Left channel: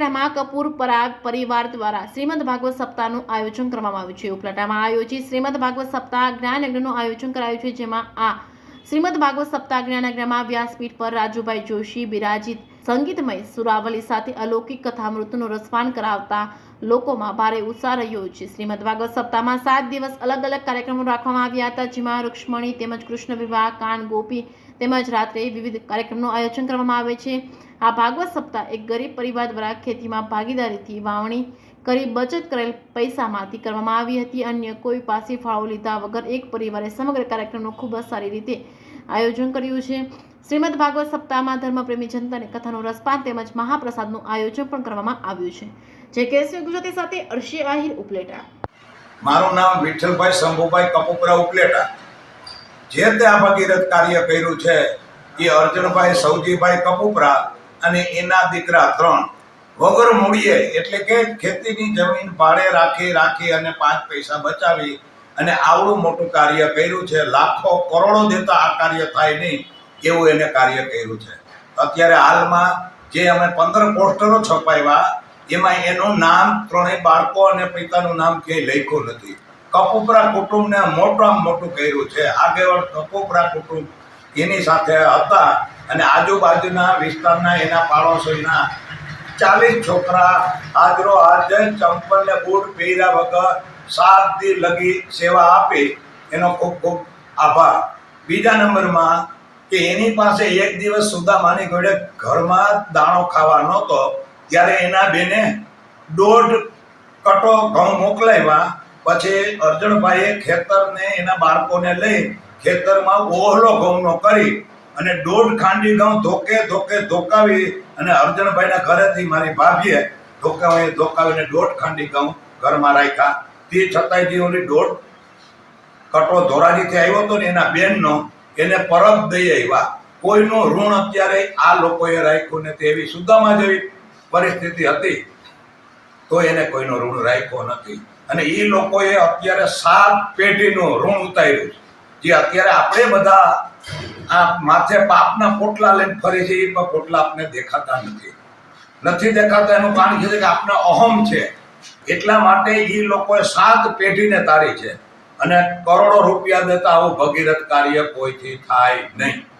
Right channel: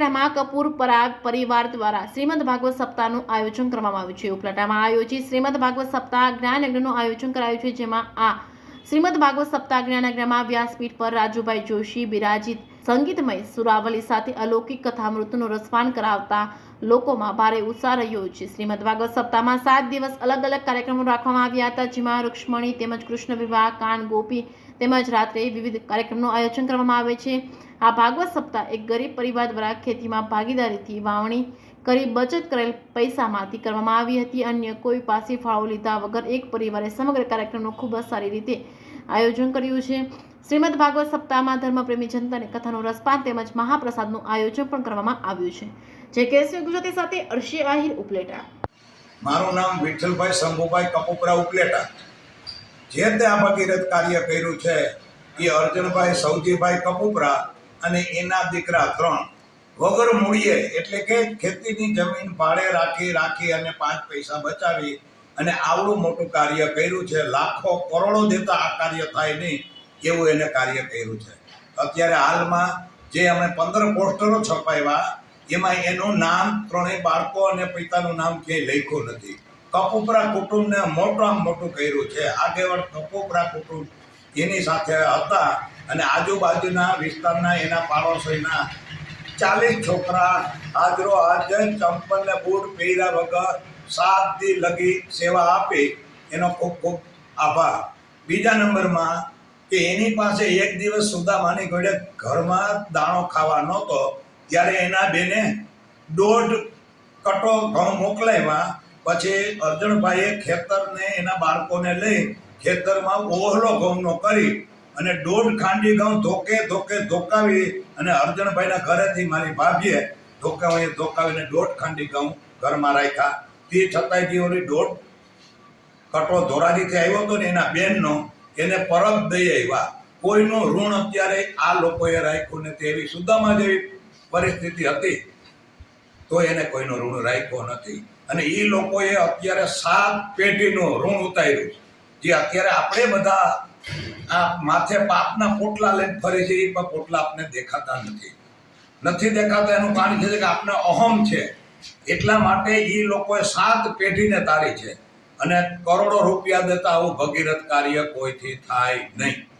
ઉપલેટામાં કપૂર પરિવાર દ્વારા શ્રીમદ ભાગવત સપ્તાહનું આયોજન કરવામાં આવ્યું છે। ઉપલેટામાં આયોજિત શ્રીમદ ભાગવત સપ્તાહ જ્ઞાનયજ્ઞનું આયોજન કરાયું છે, જેમાં આ શ્રીમદ ભાગવત સપ્તાહ જ્ઞાનયજ્ઞમાં વ્યાસપીઠ પર રાજુભાઈ જોશી બિરાજિત સંગીતમય સુરાવલી સાથે અલૌકિક કથામૃતનું રસપાન કરાવતા લોકોમાં ભારે ઉત્સાહ રહ્યો છે। શ્રીમદ ભાગવત સપ્તાહમાં 7 દિવસ અલગ અલગ કાર્યક્રમો રાખવામાં આવ્યા હતા, જેમાં રૂક્ષ્મણી તેમજ કૃષ્ણ વિવાહ, કાન ગોપી તેમજ રાત્રે વિવિધ કાર્યક્રમનું આયોજન કરવામાં આવે છે। આ ભાગવત સપ્તાહ એક ગરીબ પરિવાર દ્વારા ખેતીમાં ભાગીદારીથી વાવણી કરી બચત કરેલ પૈસામાંથી કરવામાં આવી હતી। અન્ય કોઈ પાસે ફાળો લીધા વગર એક પરિવારે સમગ્ર કાર્યક્રમનું ખૂબ જ સારી રીતે આયોજન કર્યું છે। શ્રીમદ ભાગવત સપ્તાહમાં ધર્મપ્રેમી જનતાને કથાનું રસપાન તેમજ મહાપ્રસાદનું આયોજન પણ કરવામાં આવ્યું છે। જે કેસરી ગુજરાતી સાથે અર્શી આહિર, ઉપલેટા। મારું નામ વિઠ્ઠલભાઈ શંભુભાઈ કપુપરા, ઉપલેટા। જે તે આ ભગીરથ કાર્ય કર્યું છે એ અર્જુનભાઈ સૌજીભાઈ કપુપરા અને એના દીકરા 3 વગર મૂડીએ, એટલે કે ખેતીની જમીન ભાડે રાખી અને 5 પૈસા બચાવી અને આવડું મોટું કાર્ય કર્યું છે। લાખો કરોડો દેતા આ કાર્ય થાય નહીં એવું એને કાર્ય કર્યું છે। અત્યારે હાલમાં જે અમે 15 પોસ્ટરો છપાવ્યા એમાં એનું નામ 3 બાળકો અને પિતાનું નામ ક્યાંય લખ્યું નથી। કપુપરા કુટુંબને મોટામાં મોટું કર્યું છે। આગેવાન કપુપરા કુટુંબ એની સાથે હતા અને આજુબાજુના વિસ્તારના એના પાડોશીના 40 છોકરા હાજરો હાજર ચંપલ ને બૂટ પહેર્યા વગર 7 દી લગી સેવા આપી, એનો ખૂબ ખૂબ આભાર। બીજા નંબરમાં કે એની પાસે એક દિવસ સુદામાની ઘોડે ઘરમાં દાણો ખાવા નહોતો, ત્યારે એના બેને 1.5 કટો ઘઉં મોકલાવ્યા। પછી અર્જુનભાઈએ ખેતરને એના બાળકોને લઈ ખેતરમાં ઓહલો ઘઉંનો કરી અને 1.5 ખાંડી ઘઉં ધોકાવી અને અર્જુનભાઈના ઘરેથી મારી ભાભીએ ધોકાવીને 1.5 ખાંડી ઘઉં ઘરમાં રાખ્યા। તે છતાંય જે ઓલી 1.5 કટો ધોરાજીથી આવ્યો હતો ને એના બેનનો, એને પરત દઈ આવ્યા। કોઈનું ઋણ અત્યારે આ લોકોએ રાખ્યું નથી। એવી સુદામા જેવી પરિસ્થિતિ હતી તો એને કોઈનો ઋણ રાખ્યો નથી અને એ લોકોએ અત્યારે 7 પેઢીનું ઋણ ઉતાર્યું છે। જે અત્યારે આપણે બધા આ માથે પાપના પોટલા લઈને ફરી છે, એ પોટલા આપણે દેખાતા નથી દેખાતા। એનું કારણ છે કે આપણે અહમ છે, એટલા માટે એ લોકોએ 7 પેઢીને તારી છે અને કરોડો રૂપિયા દેતા આવું ભગીરથ કાર્ય કોઈથી થાય નહીં।